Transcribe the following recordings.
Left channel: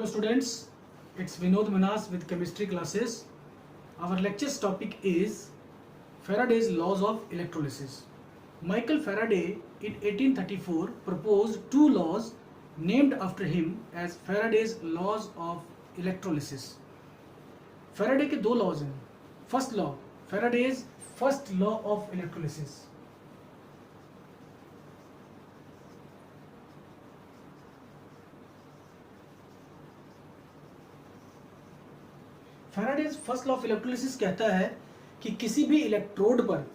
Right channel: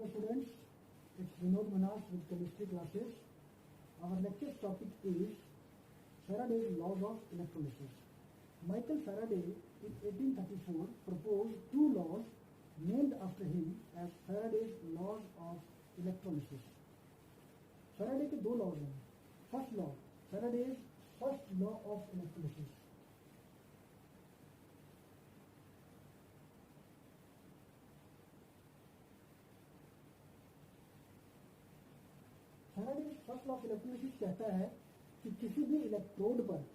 Hello students, it's Vinod Manas with chemistry classes. Our lecture's topic is Faraday's laws of electrolysis. Michael Faraday in 1834 proposed two laws named after him as Faraday's laws of electrolysis. Faraday के दो laws हैं. First law, Faraday's first law of electrolysis. Faraday's first law of electrolysis कहता है कि किसी भी electrode पर,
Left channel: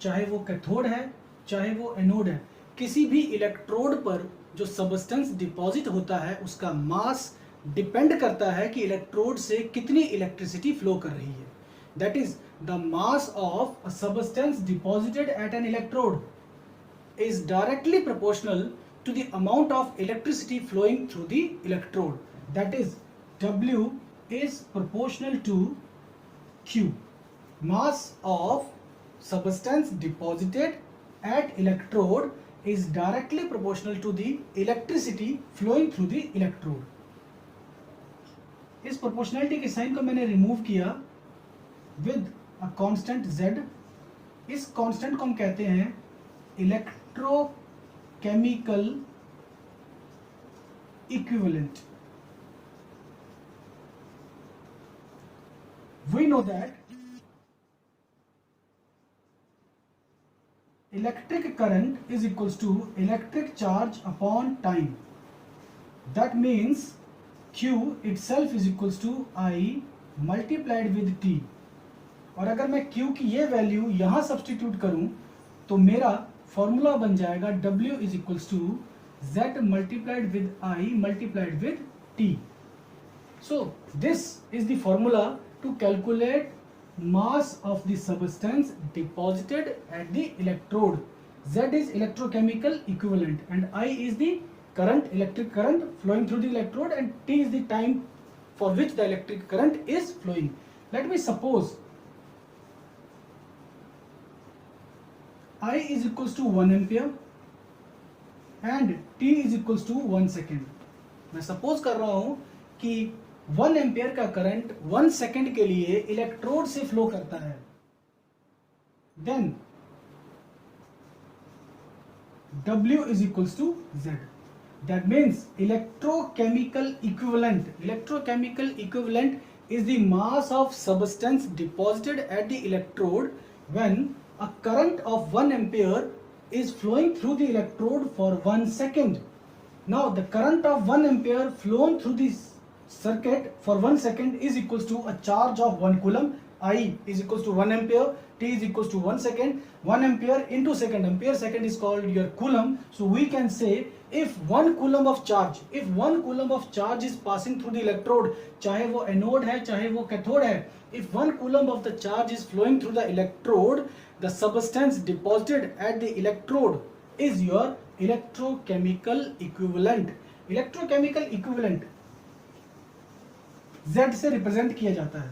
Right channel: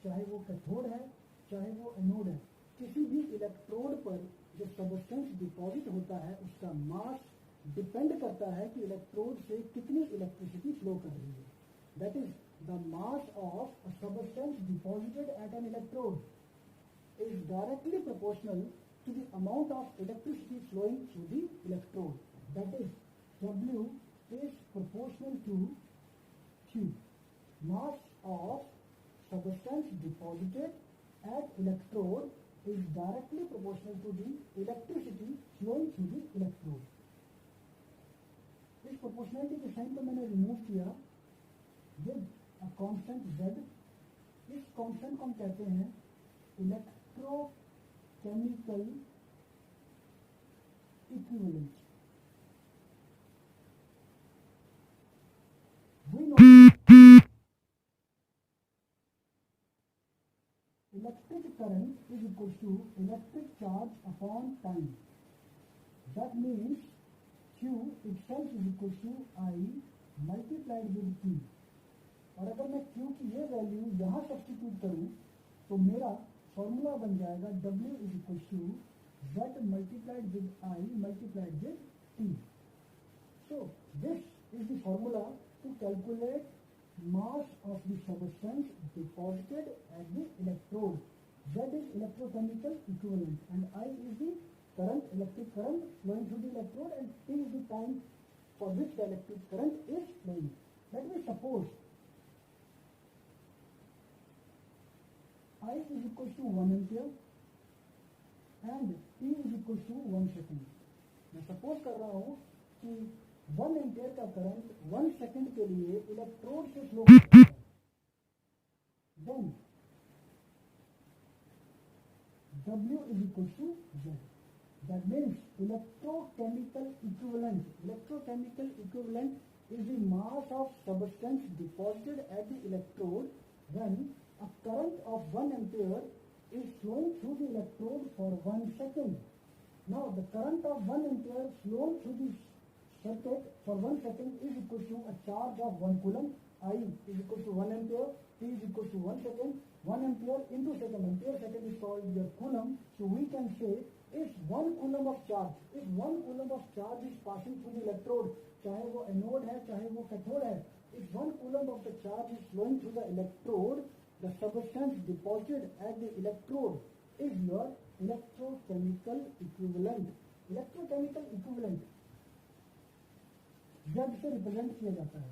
चाहे वो कैथोड है चाहे वो एनोड है, किसी भी इलेक्ट्रोड पर जो सबस्टेंस डिपॉजिट होता है उसका मास डिपेंड करता है कि इलेक्ट्रोड से कितनी इलेक्ट्रिसिटी फ्लो कर रही है. That is the mass of a substance deposited at an electrode is directly proportional to the amount of electricity flowing through the electrode. That is, W is proportional to Q. Mass of substance deposited at electrode is directly proportional to the electricity flowing through the electrode. इस proportionality के sign को मैंने remove किया with a constant Z. इस constant को हम कहते हैं electrochemical equivalent. We know that electric current is equals to electric charge upon time. That means Q itself is equals to I multiplied with T. और अगर मैं Q की ये वैल्यू यहाँ सब्स्टिट्यूट करूँ तो मेरा फॉर्मूला बन जाएगा W is equals to Z multiplied with I multiplied with T. So this is the formula to calculate mass of the substance deposited at the electrode. Z is electrochemical equivalent and I is the current, electric current flowing through the electrode, and T is the time for which the electric current is flowing. Let me suppose I is equals to 1 ampere and T is equals to 1 second. मैं suppose कर रहा हूं कि 1 ampere का current 1 second के लिए electrode से flow करता है. Then W is equals to Z. That means electrochemical equivalent is the mass of substance deposited at the electrode when a current of 1 ampere is flowing through the electrode for 1 second. Now the current of 1 ampere flown through this circuit for 1 second is equals to a charge of 1 coulomb. I is equals to 1 ampere, T is equals to 1 second. 1 ampere into second, ampere second is called your coulomb. So we can say if 1 coulomb of charge is passing through the electrode, चाहे वो anode है चाहे वो cathode है, if 1 coulomb of the charge is flowing through the electrode, the substance deposited at the electrode is your electrochemical equivalent. Electrochemical equivalent Z से represent किया जाता है.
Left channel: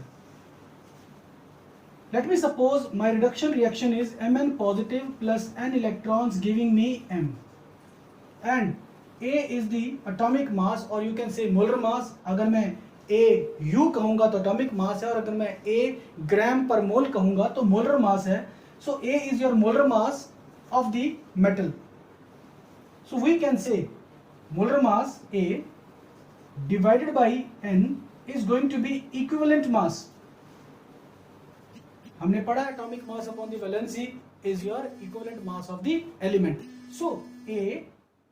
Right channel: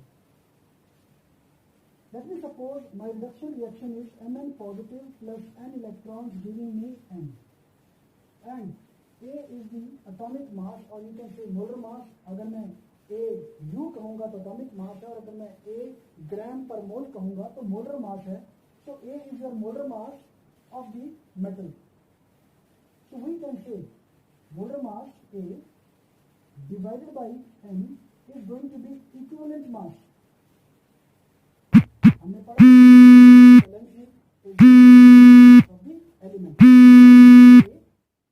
Let me suppose my reduction reaction is Mn positive plus n electrons giving me M, and A is the atomic mass or you can say molar mass. अगर मैं A U कहूँगा तो atomic mass है, और अगर मैं A ग्राम पर मोल कहूँगा तो molar mass है. So A is your molar mass of the metal. So we can say molar mass A divided by N is going to be equivalent mass. हमने पढ़ा valency is your equivalent mass of the element. So A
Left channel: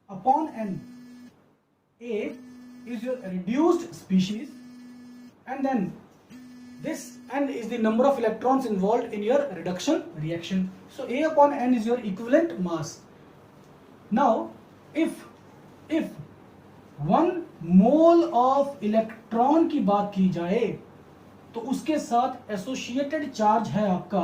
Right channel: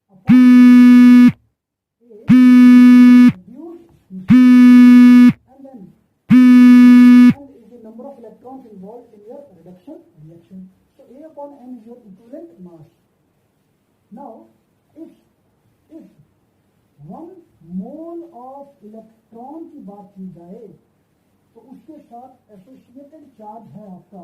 upon N, A is a reduced species, and then this N is the number of electrons involved in your reduction reaction. So A upon N is your equivalent mass. Now if 1 mole of electron की बात की जाए तो उसके साथ associated charge है आपका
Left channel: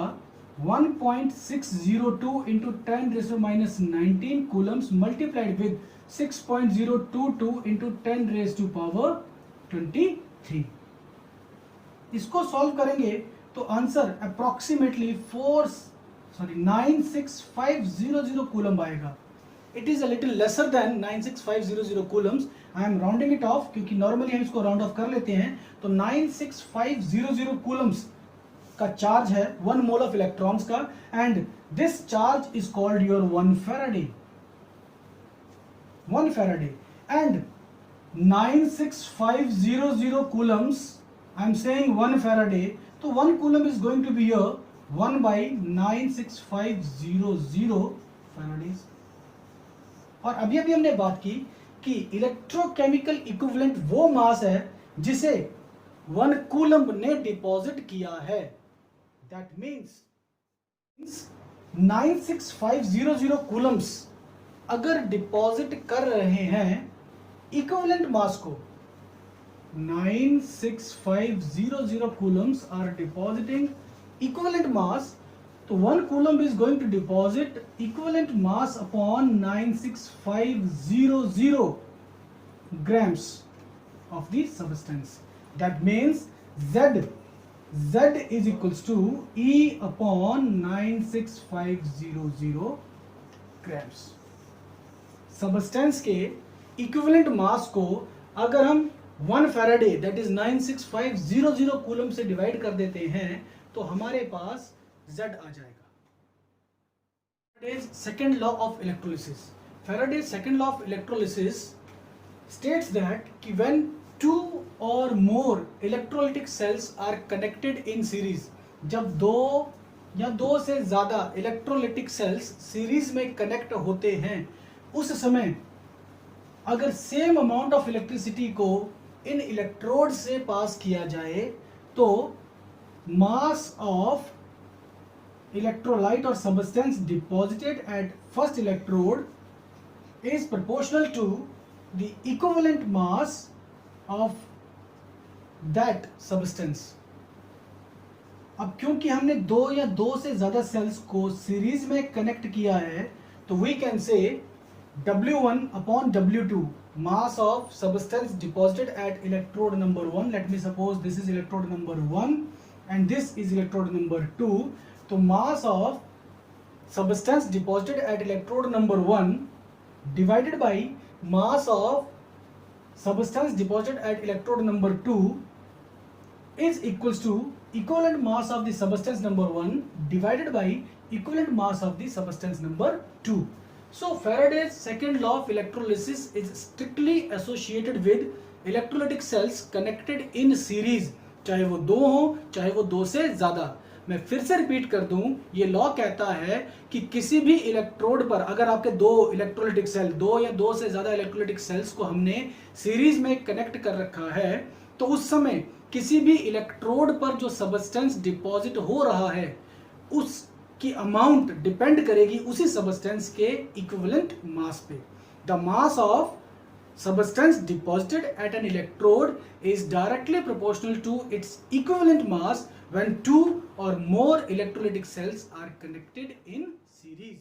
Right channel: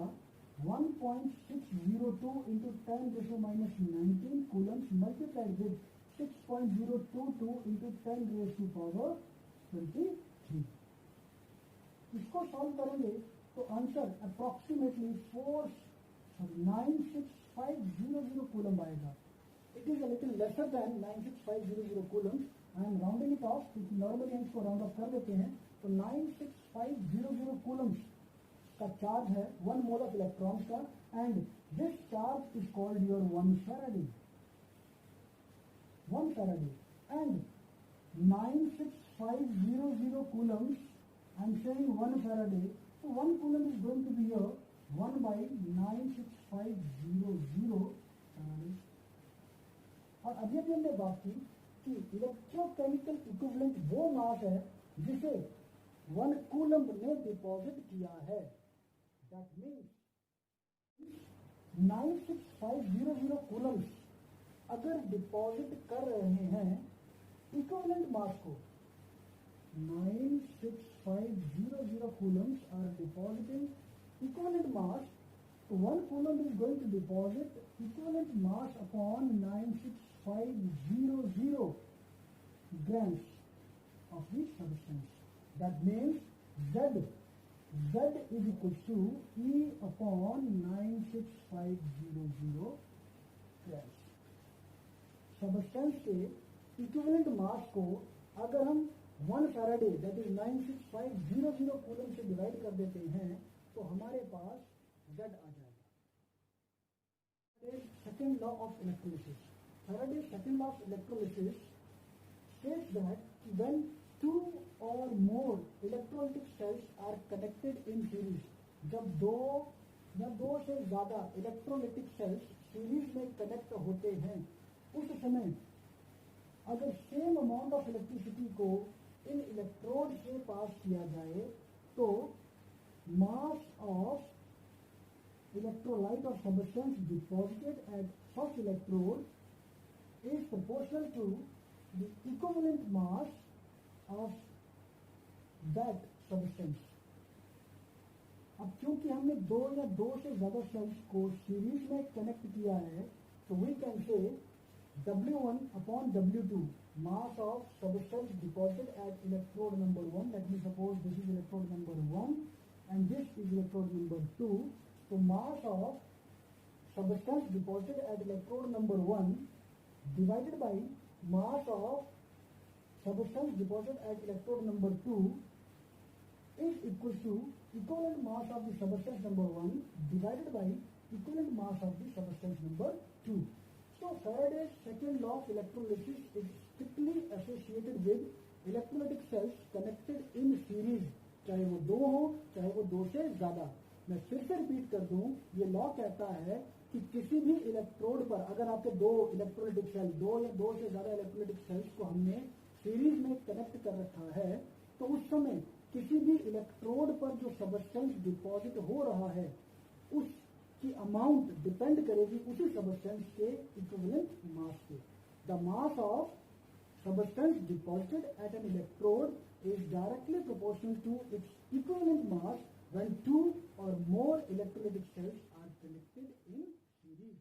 1.602 into 10⁻⁻19 Coulomb's multiplied with 6.022 into 10⁻23. इसको सॉल्व करेंगे तो आंसर अप्रोक्सीमेटली 96500 कूलम आएगा. It is a little lesser than 96500 coulombs. I am rounding it of क्योंकि नॉर्मली हम इसको राउंड ऑफ कर लेते हैं, तो 96500 कूलम्स का चार्ज है 1 मोल ऑफ इलेक्ट्रॉन्स का, and this charge is called your 1 Faraday. 1 Faraday and 96500 coulombs, I am saying 1 faraday, so 1 coulomb is going to be here 1 by 96500 faradays. और अभी हमने बात की कि इलेक्ट्रोकेमिकल इक्विवेलेंट वो मास है जिसे 1 कूलम्ब ने डिपॉजिट किया है. दैट मीन्स 96500 कूलम्ब्स अगर डिपॉजिट कर रहे हैं इक्विवेलेंट मास को, 96500 coulombs are depositing equivalent mass, तो 1 coulomb is going to deposit equivalent mass upon 96500 grams of the substance. That means Z is equals to E upon 96500 grams. Substance के equivalent मास को अगर हम 1 Faraday that is 96500 coulomb से divide कर देते हैं तो हमारे पास Z आ जाएगा. Faraday's second law of electrolysis. Faraday's second law of electrolysis states that when 2 or more electrolytic cells are connected in series, जब 2 या 2 से ज्यादा इलेक्ट्रोलिटिक सेल्स सीरीज में कनेक्ट होते हैं, उस समय अगर सेम अमाउंट ऑफ इलेक्ट्रिसिटी को इन इलेक्ट्रोड से पास किया जाए तो मास ऑफ इलेक्ट्रोलाइट और substance deposited at first electrode is proportional to the equivalent mass of that substance. अब क्योंकि हमने 2 या 2 से ज्यादा सेल्स को सीरीज में कनेक्ट किया है, तो we can say W1 upon W2 mass of substance deposited at electrode number 1. Let me suppose this is electrode number 1 and this is electrode number 2. So mass of substance deposited at electrode number 1 divided by mass of substance deposited at electrode number 2 is equals to equivalent mass of the substance number 1 divided by equivalent mass of the substance number 2. So Faraday's second law of electrolysis is strictly associated with electrolytic cells connected in series, चाहे वो 2 हो चाहे वो 2 से ज्यादा. मैं फिर से रिपीट कर दूं, ये लॉ कहता है कि किसी भी इलेक्ट्रोड पर अगर आपके 2 इलेक्ट्रोलिटिक सेल, 2 या 2 से ज्यादा इलेक्ट्रोलिटिक सेल्स को हमने सीरीज में कनेक्ट कर रखा है, तो उस समय किसी भी इलेक्ट्रोड पर जो सबस्टेंस डिपॉजिट हो रहा है उस की अमाउंट डिपेंड करेगी उसी सबस्टेंस के इक्विवेलेंट मास पे. The mass of substance deposited at an electrode is directly proportional to its equivalent mass when 2 or more electrolytic cells are connected in series.